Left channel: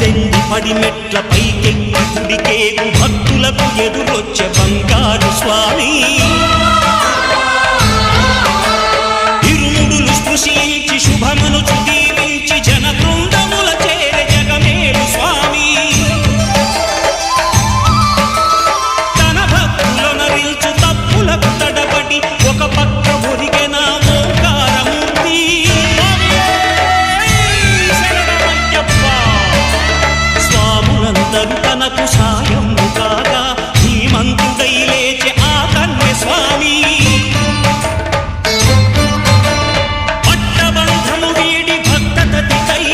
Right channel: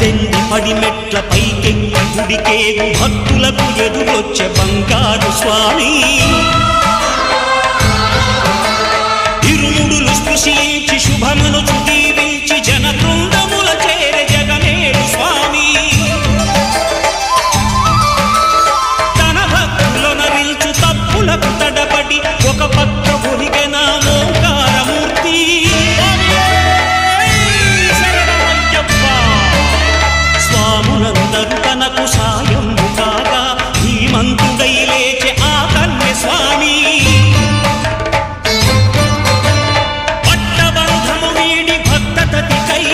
18 పడిమెట్ల పైకెక్కి గుడికేగు భక్తులకు ఎదురొచ్చే బంగారు స్వామి ఇరుముడులు స్పృశించి శుభమనుచు దీవించి జన బృందముల చేరే జగమేలు స్వామి తన భక్తులొనరిల్చు తప్పులకు తడబడి ఒక పక్క ఒరిగెన ఓంకారమూర్తి స్వాములందరూ తనకు సాయము కాగా ధీమంతుడై లేచే ఆ కన్య స్వామి పట్టబంధము వీడి భక్తతతికై